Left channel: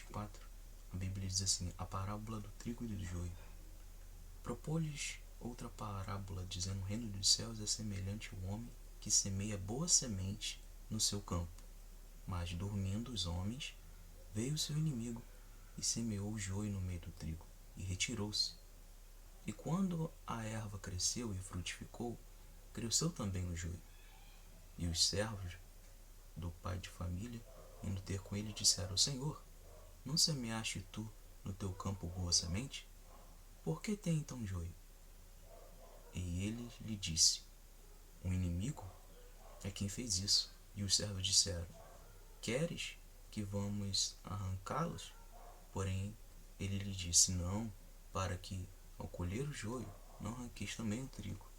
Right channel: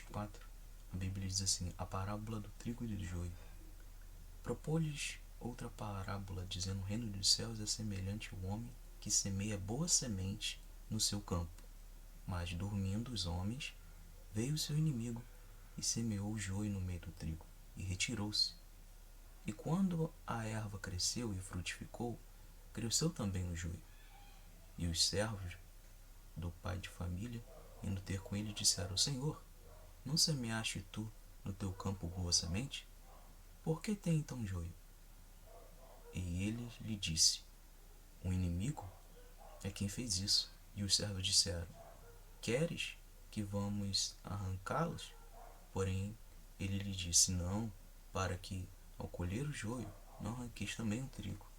24, a Bíblia diz assim: a parábola do trigo e do joio. Propôs-lhes outra parábola, dizendo: o reino dos céus é semelhante ao homem que semeia boa semente no seu campo. Mas, dormindo os homens, veio o seu inimigo e semeou o joio no meio do trigo, e retirou-se. E quando a erva cresceu e frutificou, cresceu também o joio. E os servos do pai de família, indo ter com ele, disseram: Senhor, não semeaste tu no teu campo boa semente? Por que tem então joio? E ele lhe disse: o inimigo é quem fez isso. E os servos disseram: queres que vamos arrancá-los? Porém, ele lhe disse: não, para que, ao colher o joio, não arranqueis também o trigo.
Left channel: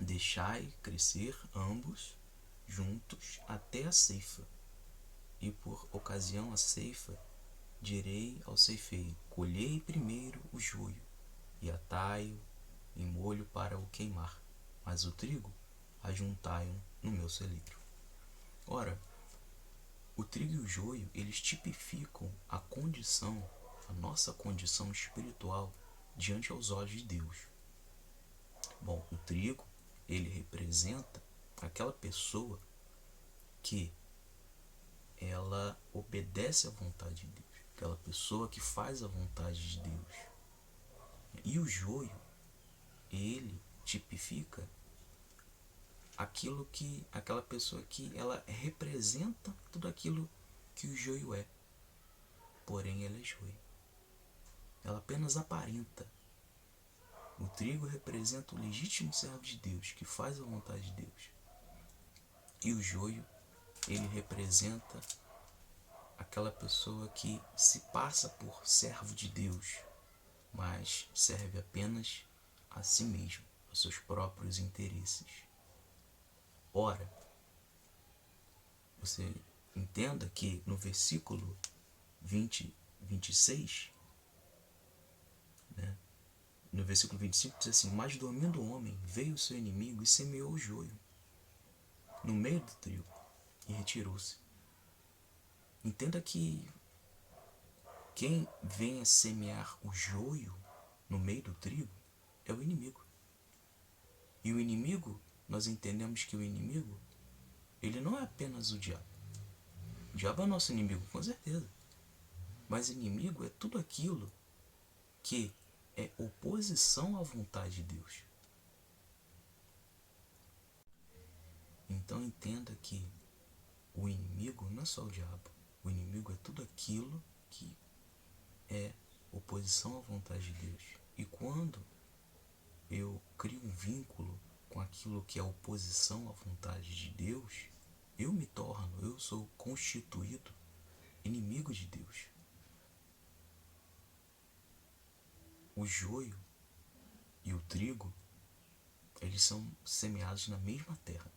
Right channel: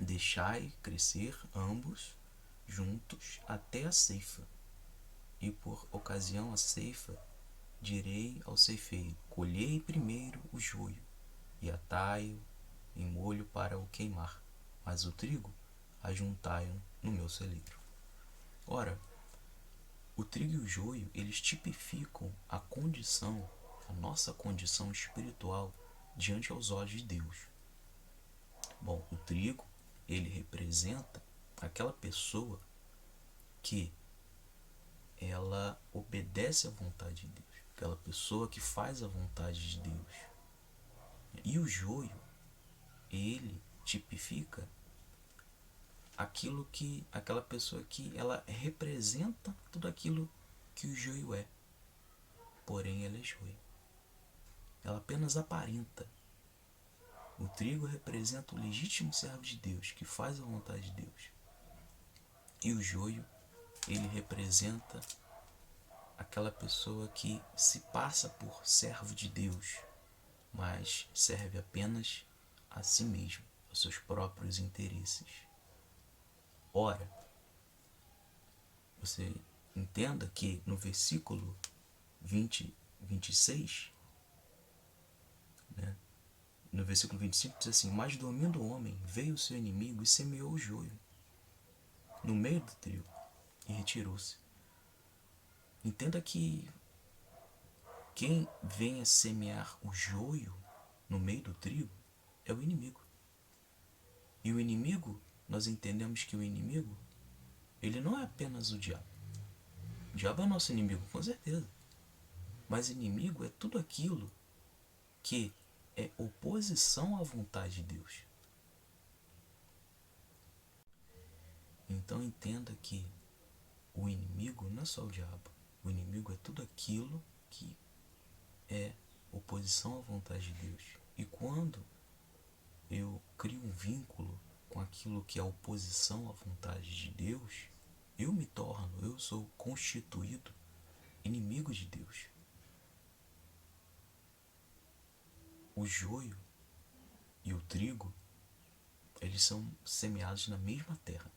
Deixai crescer ambos juntos até a ceifa. E por ocasião a ceifa, direi ao ceifeiro: colhei primeiro o joio, e atai-o em molho para o queimar, mas o trigo ajuntai-o no meu celeiro. Ora, o trigo e o joio, eles tipificam a nossa condição espiritual diante aos olhos de Deus. Bom, o trigo, ele representa aquela pessoa que ela obedece à vontade de Deus, aquela pessoa que faz a vontade de Deus. E o joio, ele tipifica aquela pessoa que ela representa tudo aquilo que o joio é, porém ela é joio. Ela apenas aparenta. O trigo representa o legítimo servo de Deus, que faz a vontade de Deus. E o joio, ele representa aquela pessoa que se passa por servo de Deus, mas serve apenas a si mesmo, aos seus próprios interesses. Ora, você entenda que no versículo 26, né? No versículo 25 diz assim: mas dormindo o homem, veio o seu inimigo e semeou o joio no meio do trigo e retirou-se. Entenda que quem vem a semear o joio no meio do trigo é o inimigo. E o inimigo, nós entendemos que o inimigo, ele não é apenas o diabo. O diabo é nosso inimigo, com certeza. Mas inimigo é tudo aquilo que é oposição à vontade de Deus. Então entenda que o inimigo não é só o diabo. O inimigo é tudo aquilo que é oposição à vontade de Deus. E quando eu crio um vínculo com aquilo que é oposição à vontade de Deus, eu sou constituído inimigo de Deus. O joio e o trigo, eles são semeados na mesma terra.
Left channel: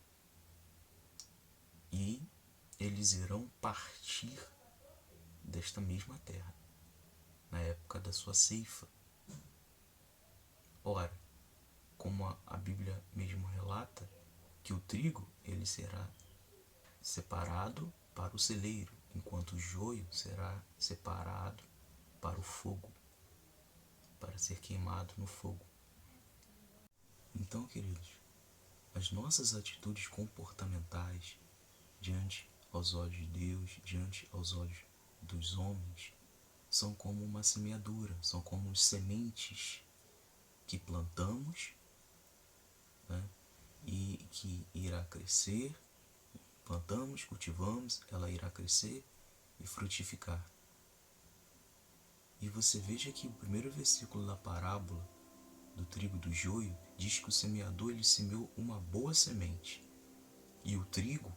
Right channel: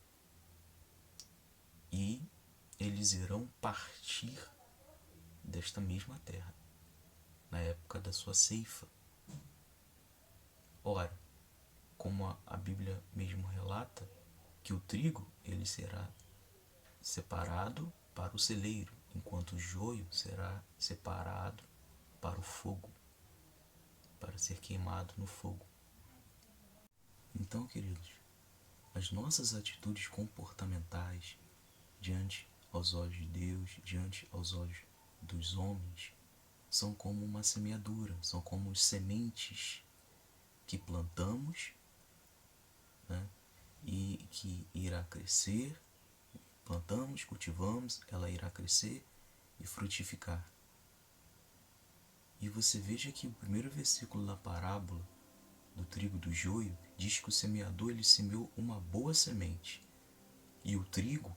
E eles irão partir desta mesma terra, na época da sua ceifa. Ora, como a Bíblia mesmo relata, que o trigo, ele será separado para o celeiro, enquanto o joio será separado para o fogo, para ser queimado no fogo. Então, queridos, as nossas atitudes comportamentais diante aos olhos de Deus, diante aos olhos dos homens, são como uma semeadura, são como sementes que plantamos, né, e que irá crescer. Plantamos, cultivamos, ela irá crescer e frutificar. E você veja que o primeiro versículo da parábola do trigo e do joio diz que o semeador, ele semeou uma boa semente. E o trigo,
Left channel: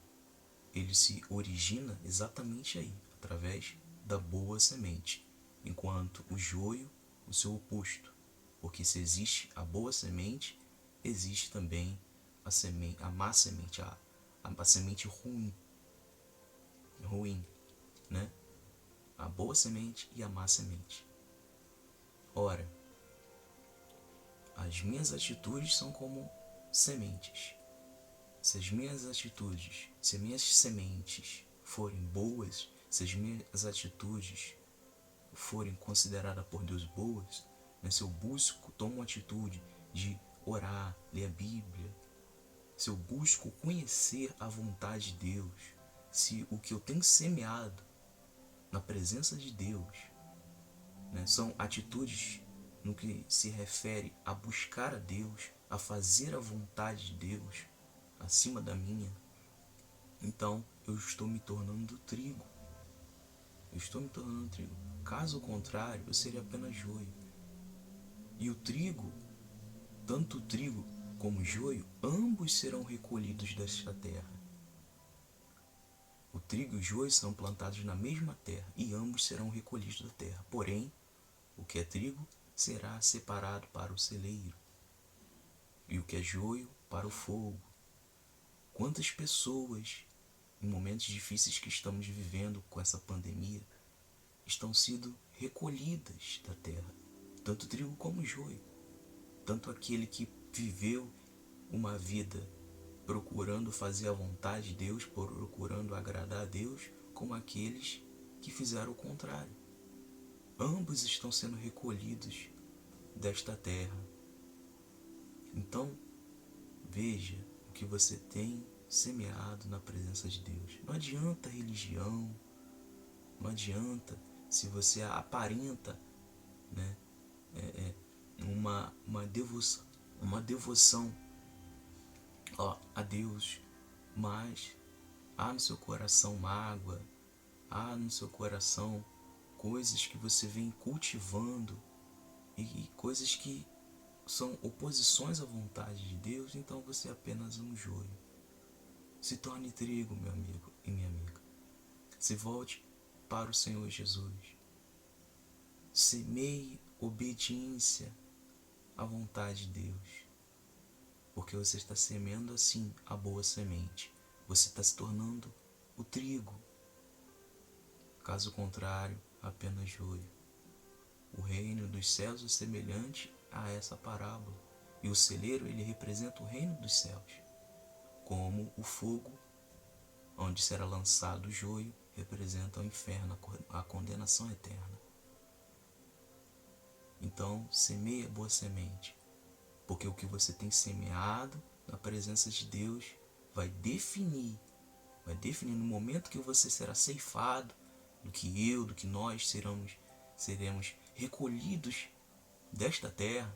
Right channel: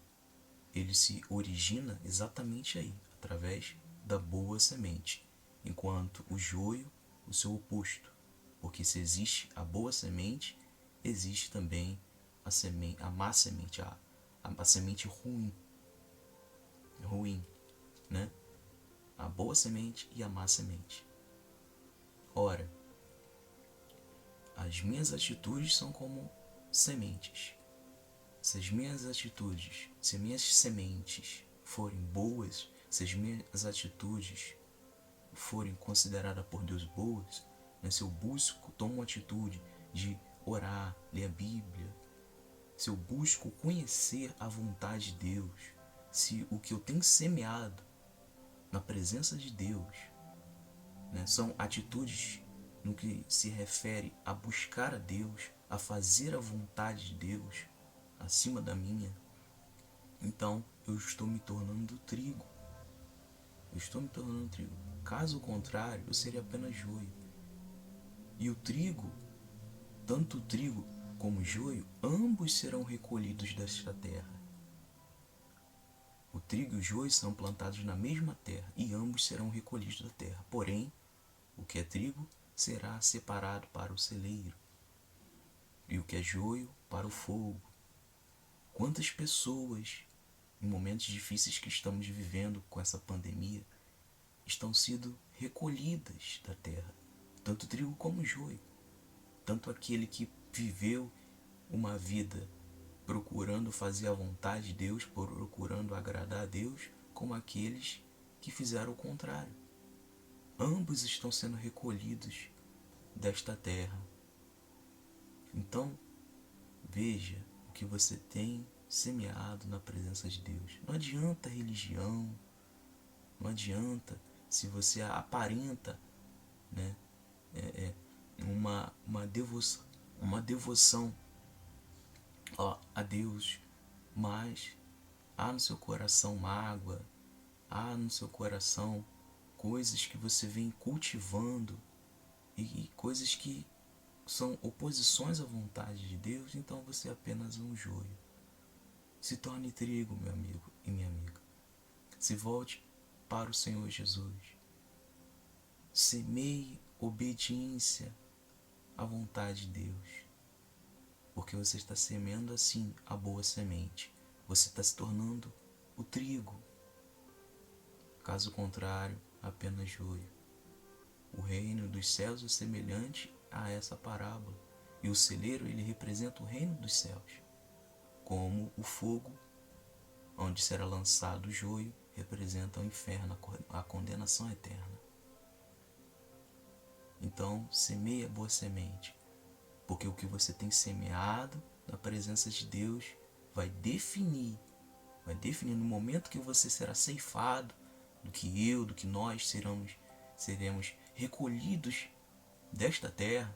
ele se origina exatamente aí, através da boa semente, enquanto o joio, o seu oposto. Porque se existe a boa semente, existe também a má semente, a semente ruim, né? A boa semente e a má semente. Ora, as minhas atitudes são como sementes. Se as minhas atitudes, se as minhas sementes forem boas, se as minhas atitudes forem consideradas por Deus boas, né, se eu busco, tomo uma atitude de orar, ler a Bíblia, se eu busco conhecer a vontade de Deus, se o que eu tenho semeado na presença de Deus, né, são atitudes no que se refere a buscar a Deus, a fazer a vontade de Deus acima da minha, então eu estou me tornando trigo. Eu estou me tornando trigo. Caso contrário, eu seria apenas joio. E o trigo, tanto o trigo como o joio, ambos serão recolhidos desta terra. O trigo e o joio são plantados na mesma terra e ambos serão recolhidos da terra. Porém, o que é trigo será separado para o celeiro e o que é joio para o fogo. Quantas pessoas, em momentos difíceis que estamos vivendo com essa pandemia, estão sendo recolhidas da terra, tanto trigo como joio, tanto aquele que viveu uma vida procurando fazer a vontade de Deus, procurando agradar a Deus, como aqueles que fizeram o contrário. Ambos estão sendo recolhidos desta terra. Então, veja o que você tem semeado na presença de Deus. Não adianta religião, não adianta se você aparenta, né, uma devoção a Deus, mas há no seu coração mágoa, há no seu coração coisas que você vem cultivando e coisas que são oposições à vontade de Deus, então você é apenas um joio. Se torne trigo, meu amigo e minha amiga. Se volte para o Senhor Jesus. Semeie obediência à vontade de Deus, porque você está semeando assim a boa semente. Você está se tornando o trigo. Caso contrário, apenas joio. O reino dos céus é semelhante a essa parábola, e o celeiro ele representa o reino dos céus, como o fogo onde será lançado o joio representa o inferno, a condenação eterna. Então, semeie a boa semente, porque o que você tem semeado na presença de Deus vai definir no momento que você será ceifado, do que nós seremos recolhidos desta terra.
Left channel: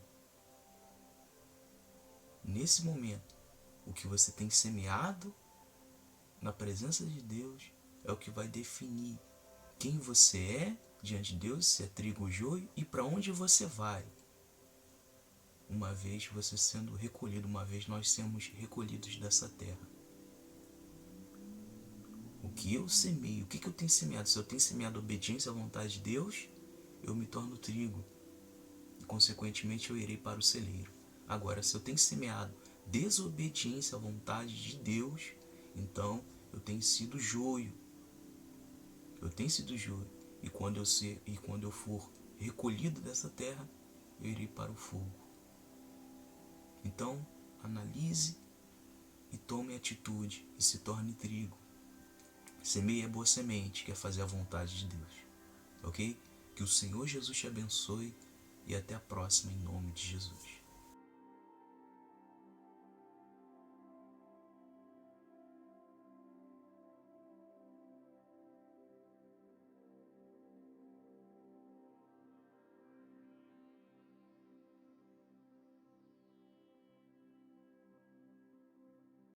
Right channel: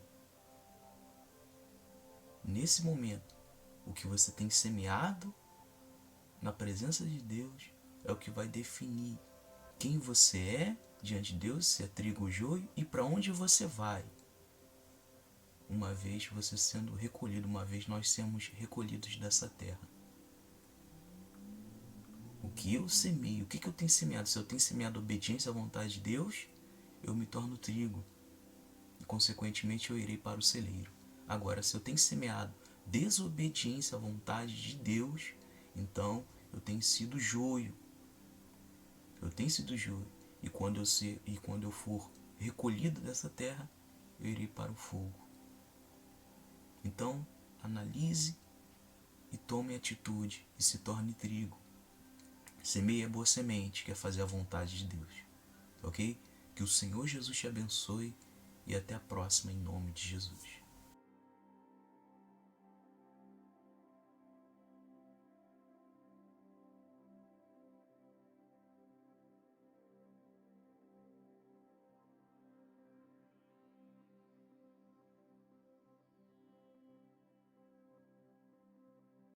Nesse momento, o que você tem semeado na presença de Deus é o que vai definir quem você é diante de Deus, se é trigo ou joio, e para onde você vai. Uma vez você sendo recolhido, uma vez nós sermos recolhidos dessa terra. O que eu semeio, o que eu tenho semeado? Se eu tenho semeado obediência à vontade de Deus, eu me torno trigo. E consequentemente eu irei para o celeiro. Agora, se eu tenho semeado desobediência à vontade de Deus, então eu tenho sido joio. Eu tenho sido joio. E quando eu for recolhido dessa terra, eu irei para o fogo. Então, analise e tome atitude e se torne trigo. Semeie a boa semente, que é fazer a vontade de Deus. Ok? Que o Senhor Jesus te abençoe e até a próxima em nome de Jesus.